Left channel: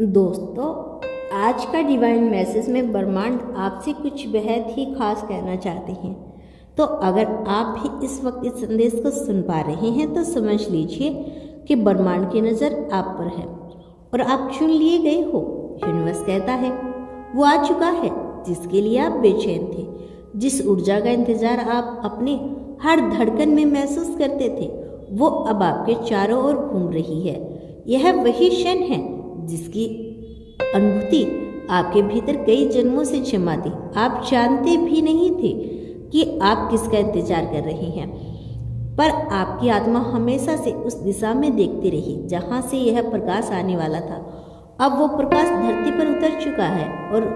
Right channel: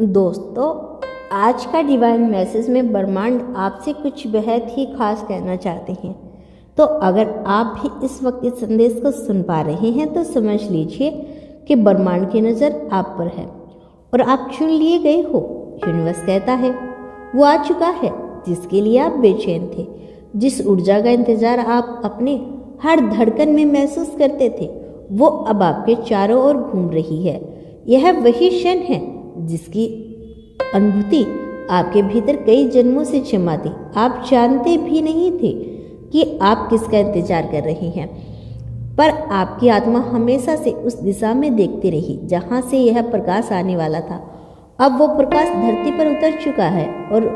दोस्तों, आज का डिवाइन मैसेज में ब्रह्मांड आपसे कुछ बेहद ही खास कहना चाहते हैं। तो अगर आप भी इस वक्त इस संदेश को सुन पा रहे हैं तो समझ लीजिए कि ब्रह्मांड की नज़र आप पर है और आप चुन लिए गए हो। यूनिवर्स कहता है वो आ चुका है जिसके लिए आप बेचैन थे, जिस ऊर्जा का इंतजार आप अपने हर धड़कन में महसूस करते थे, वो अब आपके चारों ओर घूम रही है। यह वही क्षण है जिसकी अनुभूति आपके भीतर कई जन्मों से जमा थी। आप जानते भी नहीं थे कि आप किसका इंतजार कर रही हैं, पर आपकी आत्मा हमेशा से उस दिशा में देखती रही जहां से यह प्रकाश आने वाला था। अब वो प्रकाश धरती पर उतर चुका है और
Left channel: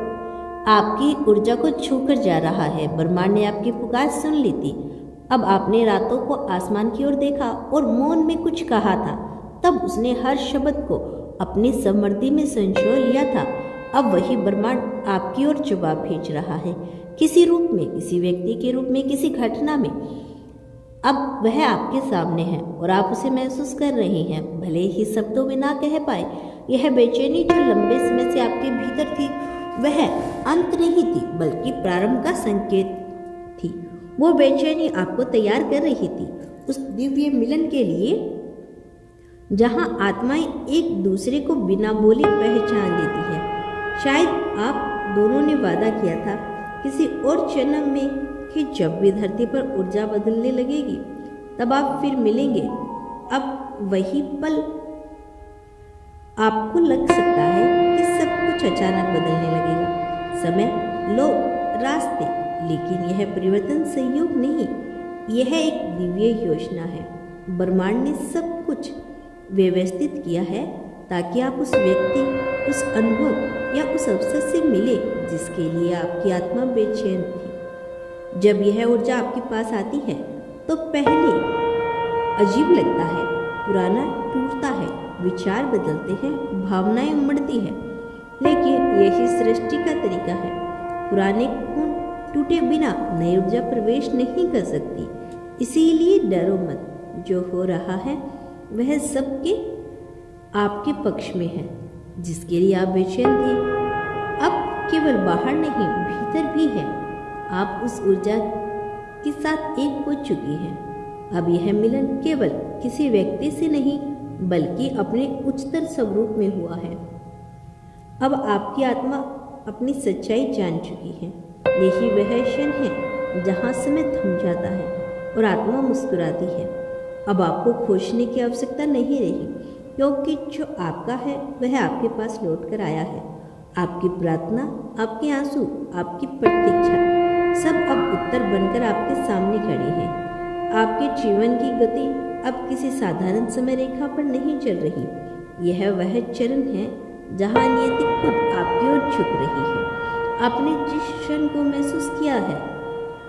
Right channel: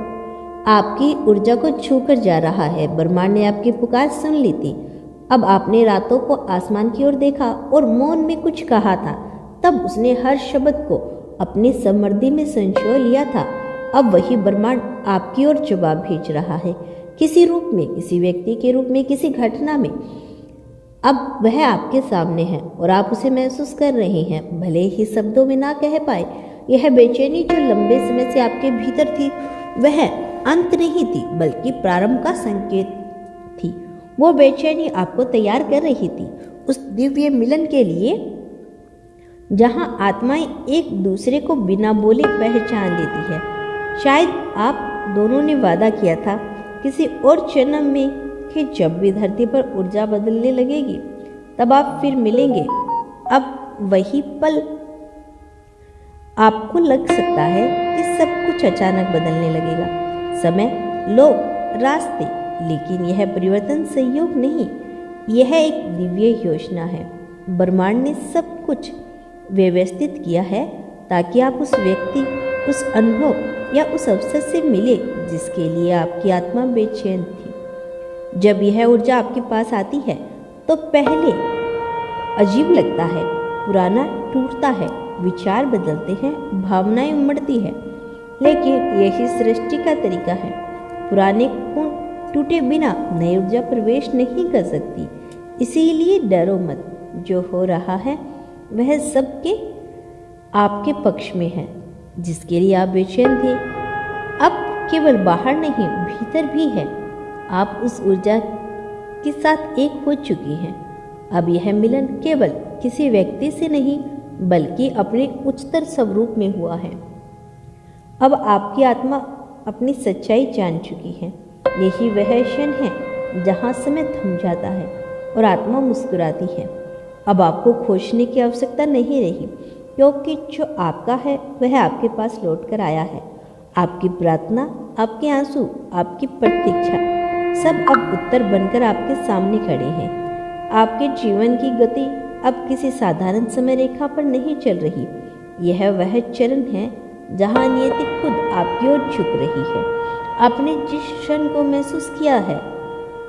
आपकी ऊर्जा को छूकर जा रहा है। ब्रह्मांड ने आपकी पुकार सुन ली थी। अब आपने रातों को आसमान की ओर देखा और मौन में कुछ कहा था। तब उसने हर शब्द को अपनी समृद्धि में संजो लिया था। अब वही ब्रह्मांड आपकी ओर जवाब भेज रहा है, किसी रूप में, किसी व्यक्ति के रूप में, किसी घटना में। अब वह आपके सामने है और आप उसे महसूस कर रहे हैं, भले ही शब्दों में ना कह पाए। यह बेचैनी जो लंबे समय से आपके भीतर थी, वह अंत नहीं थी बल्कि प्रारंभ का संकेत थी। वो बेचैनी आपको तैयार कर रही थी उस दिव्य मिलन के लिए जहां आत्माएं एक दूसरे को बिना बोले पहचान लेती है। शायद आप दोनों ने वादा किया था किसी और जन्म में कि जब भी धरती पर ऊर्जा बदलने लगेगी तब आप फिर मिलेंगे। अब वही पल आपको लग सकता है कि सब कुछ अचानक बदलने लगेगा, समय, लोग, रास्ते, लेकिन यह परिवर्तन संयोग नहीं, यह एक दिव्य योजना है। ब्रह्मांड ने सब कुछ व्यवस्थित किया है ताकि आप उस व्यक्ति, उस अनुभव या उस अवसर से मिले जिसके लिए आपकी आत्मा बेचैन थी। जब यह ऊर्जा आपके पास आती है तो पहले अजीब लगता है, पुराना टूटता है, विचार बदलते हैं, भावनाएं उमड़ती है, लेकिन यही सृष्टि का तरीका है। पुराने खून टूटे बिना नई ऊर्जा प्रवेश नहीं कर सकती। इसीलिए डरो मत, जो हो रहा है वह सबके आपके पक्ष में है। जिसके लिए आप बेचैन थे अब केवल बाहर नहीं, भीतर भी है। आप उस ऊर्जा के साथ एक हो चुकी हैं। अब यह मिलन केवल किसी व्यक्ति से नहीं बल्कि अपने उच्चतर स्वरूप में हुआ है। अब आपकी आत्मा अपनी सच्चाई जान चुकी है। यही वह क्षण है जहाँ समय थम जाता है और आत्मा मुस्कुराती है। अब आपको खोजने की आवश्यकता नहीं रही, क्योंकि जो आपका है वह आपके पास लौट कर आया है। आपकी प्रार्थना, आपके आंसू, आपकी प्रतीक्षा सब अब उत्तर बनकर आपके सामने खड़े हैं। आपके जीवन की गति अब किसी साधारण समय रेखा पर नहीं चल रही। यह वह चरण है जहाँ नियति खुद आपकी ओर झुक रही है। आपने जिस क्षण को महसूस किया है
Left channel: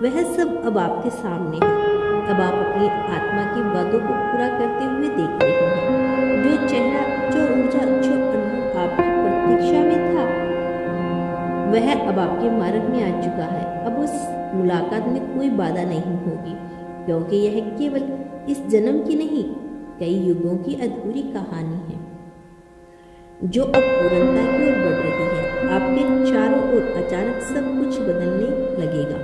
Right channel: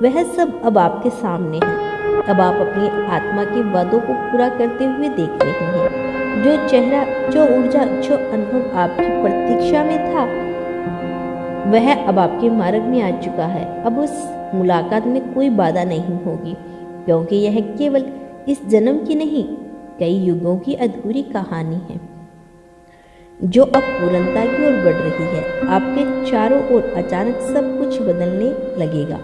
वह सब अब आपके सामने है। अब आप अपनी आत्मा के वादों को पूरा करते हुए देख रहे हैं। जो चेहरा, जो ऊर्जा, जो अनुभव आपकी प्रतीक्षा में था वह अब आपके मार्ग में आ चुका है। अब उस मुलाकात में कोई बाधा नहीं होगी, क्योंकि यह केवल इस जन्म की नहीं, कई युगों की अधूरी कहानी है जो अब पूर्णता की ओर बढ़ रही है। आपके चारों ओर अचानक सब कुछ बदलने लगेगा।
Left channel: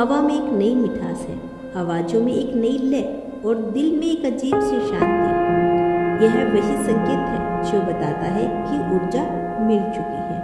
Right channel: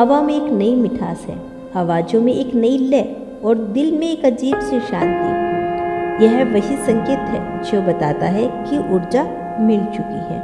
हवा में एक नई मिठास है, आवाज़ों में एक नई लय और दिल में एक अजीब सी शांति। यह वही संकेत है जो बताता है कि ऊर्जा मिल चुकी है।